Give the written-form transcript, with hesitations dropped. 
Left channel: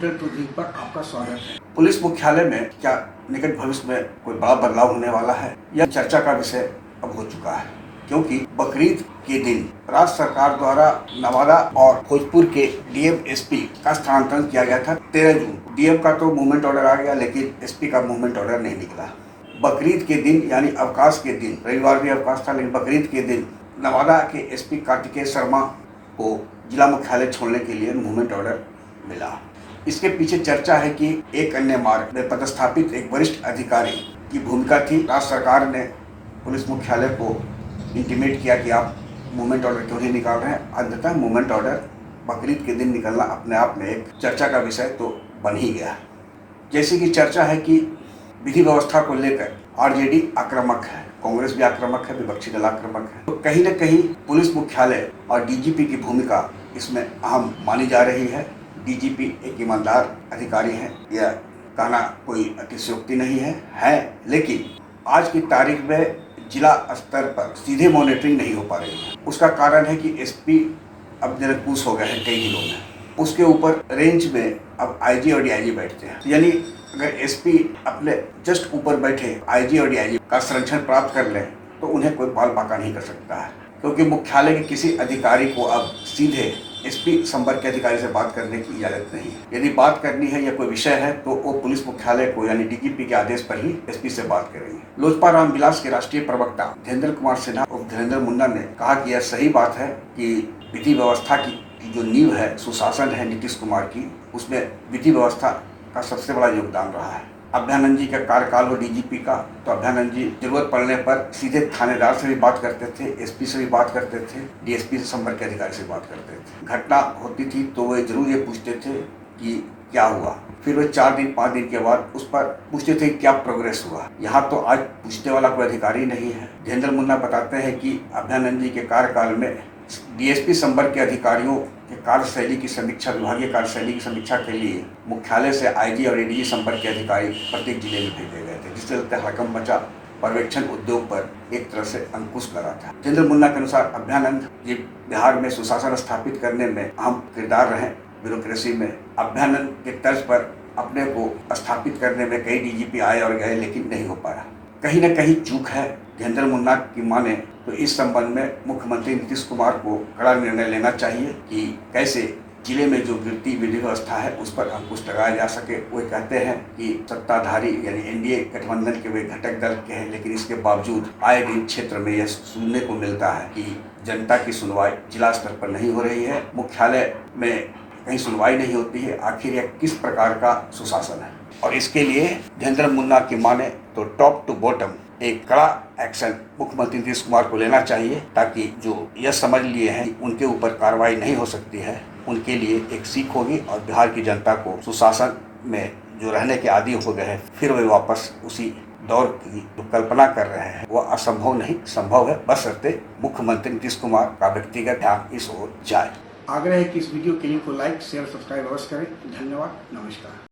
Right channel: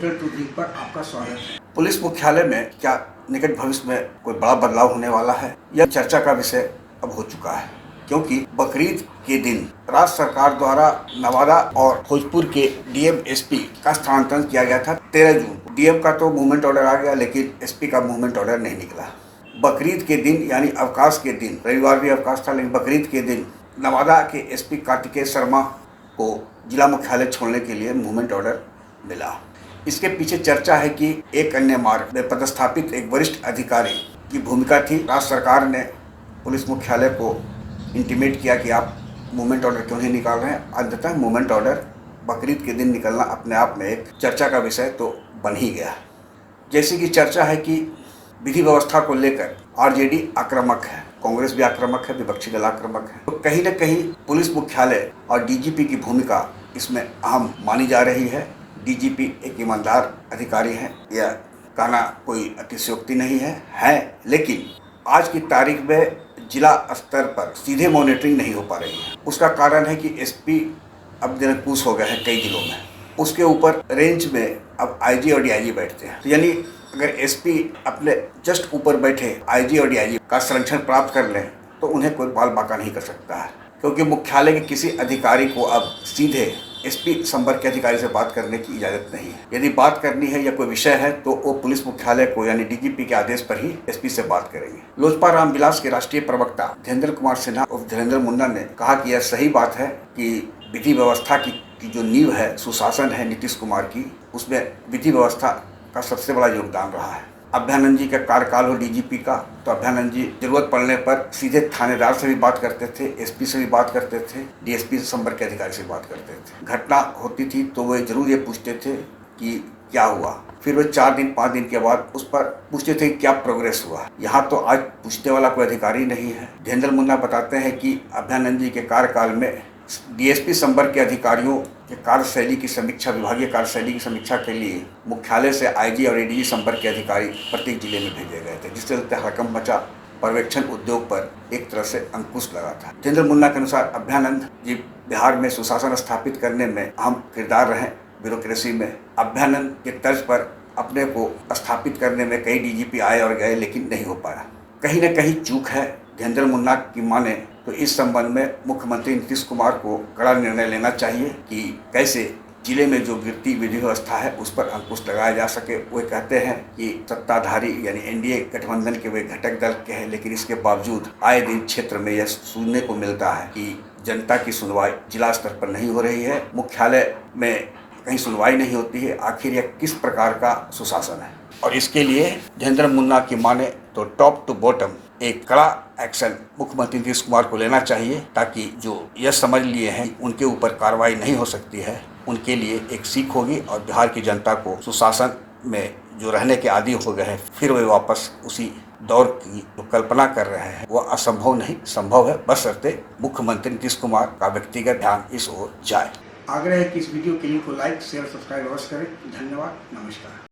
Hotel to drink पर आपका स्वागत है। पुलिस मुख्यालय में क्या निकट भविष्य में कोई बड़ा बदलाव होने वाला है, यह चर्चा का विषय अब हो चुका है, क्योंकि बकरीद के दिन राज्य सरकार द्वारा नवादा और भोजपुर के डीएम एसपी का स्थानांतरण किया गया था 13 जून। डीएम का तो मूवमेंट ऑर्डर आ गया, लेकिन एसपी का मूवमेंट ऑर्डर नहीं निकला। बकरीद के दिन यानी अवकाश के दिन, रविवार भी अवकाश था, लेकिन बकरीद के दिन नवादा के एसपी कार्तिकेय शर्मा को जिला मुख्यालय छोड़ने के लिए मूवमेंट ऑर्डर मिला। इसके पीछे चर्चा है कि एक अन्य मार्ग में पदस्थापित एक वरिष्ठ अधिकारी की भूमिका थी। राज्य सरकार ने पुलिस मुख्यालय को इंटीमेट किया कि आप मूवमेंट ऑर्डर क्यों नहीं निकाल रहे हैं। अंततः मूवमेंट ऑर्डर बकरीद के दिन निकलना अपने आप में एक चर्चा का विषय तो बन ही गया। जैसे कि चर्चा है कि विधि व्यवस्था को लेकर आरजेडी आक्रामक है, कांग्रेस भी आक्रामक है, विपक्षी दल आक्रामक है, तो कहीं न कहीं पुलिस मुख्यालय और डीजीपी की भूमिका इसमें अहम मानी जा रही है। डीजीपी एक ईमानदार अधिकारी हैं, यह कहना कोई अतिशयोक्ति नहीं है, लेकिन आज की तारीख में जिला स्तर पर सीधे मॉनिटरिंग नहीं हो पा रही है। उसका कारण है कि एसपी अब निरंकुश हो गए हैं कई जिलों में। उसके ऊपर रेंज में अब आईजी और डीआईजी बैठते हैं, तो यानी अगर एसपी अपने जस्ट ऊपर बैठे आईजी और डीआईजी का संरक्षण प्राप्त कर लें तो उन्हें कोई बाल बाका नहीं कर सकता है, क्योंकि मुख्यालय के किसी अधिकारी को अब सीधे एसपी संपर्क के अधिकारी से बात करने की इजाजत नहीं है। यदि बात करनी है या कोई विषय है तो वो पुलिस मुख्यालय को यानी डीजीपी के आदेश पर ही एसपी से बात करेंगे। लोजपा रामविलास के राष्ट्रीय प्रवक्ता धीरेन्द्र कुमार सिन्हा और धीरेन्द्र मुन्ना ने कहा कि यह सही बात है कि विधि व्यवस्था की जो नींव है, सुशासन है नीतीश कुमार की, उसमें विधि व्यवस्था का सबसे बड़ा योगदान रहा है। अभ्यानंद जी का कार्यकाल हो डीजीपी का, तो अभ्यानंद जी जरूरत पड़ने पर सीधे थानेदार से भी बात करते थे, एसपी से भी बात करते थे, डीएसपी से संपर्क के अधिकारी से बात करते थे। घटना होती थी तो वे जरूर ये पूछते थे कि क्या हुआ, फिर वे 4 दिन 5 दिन के बाद उस पर पूछते थे क्या प्रोग्रेस हुआ। यहाँ तो आज पूछने वाला कोई अधिकारी नहीं है। धीरेन्द्र मुन्ना बताते हैं कि अभ्यानंद जी के कार्यकाल में डीएसपी संपर्क के अधिकारियों के कार्यशैली की समीक्षा, विभागीय कार्यशैली की समीक्षा के लिए मुख्यालय से आईजी और एडीजी संपर्क के अधिकारी प्रत्येक जिले में भेजे गए थे, जिससे चलते हड़कंप मचा, पर्यवेक्षण उद्योग पर एक तरह से अंकुश लगा था। धीरेन्द्र मुन्ना के अनुसार अभ्यानंद जी बिहार में सुशासन स्थापित करने में अहम किरदार रहे। ब्यूरोक्रेसी में अभ्यानंद के तर्ज पर अपने को स्थापित करने में कई डीजीपी आए और गए, लेकिन नहीं हो पाया। कहीं न कहीं चूक है। धीरेन्द्र मुन्ना की माने तो इस संबंध में मुख्यमंत्री नीतीश कुमार को कड़ा निर्णय लेना चाहिए कि कैसे जिले में जो गिरती विधि व्यवस्था है उस पर अंकुश लगाया जा सके। वे कहते हैं कि सत्ताधारी यानी एनडीए गठबंधन के वे घटक दल के हैं, लेकिन इसके बावजूद आए दिन क्षेत्र में यह सुनने को मिलता है कि जनता की सुनवाई जिला स्तर पर नहीं हो रही है, मुख्यालय में कहीं सुनवाई नहीं होती है। आखिर यह किस प्रकार का सुशासन है? और इसके लिए धीरेन्द्र मुन्ना की माने तो टॉप टू बॉटम एक कड़ा एक्शन मुख्यमंत्री नीतीश कुमार को लेना चाहिए, ताकि जो यह समझ लिए हैं कि उनके ऊपर कार्रवाई नहीं हो सकती है, उनके लिए एक सीख होगी और बिहार की जनता को सुशासन में जो रहने के आदी हो गए हैं फिर वे वापस उसी दौर की जो कल्पना कर रहे हैं वह असंभव नहीं, संभव है, बशर्ते मुख्यमंत्री नीतीश कुमार का व्यक्तिगत ध्यान इस ओर जाए। आग्रह है कि इस वीडियो के लिंक को लाइक, शेयर, सब्सक्राइब अवश्य करें। धन्यवाद, नमस्कार।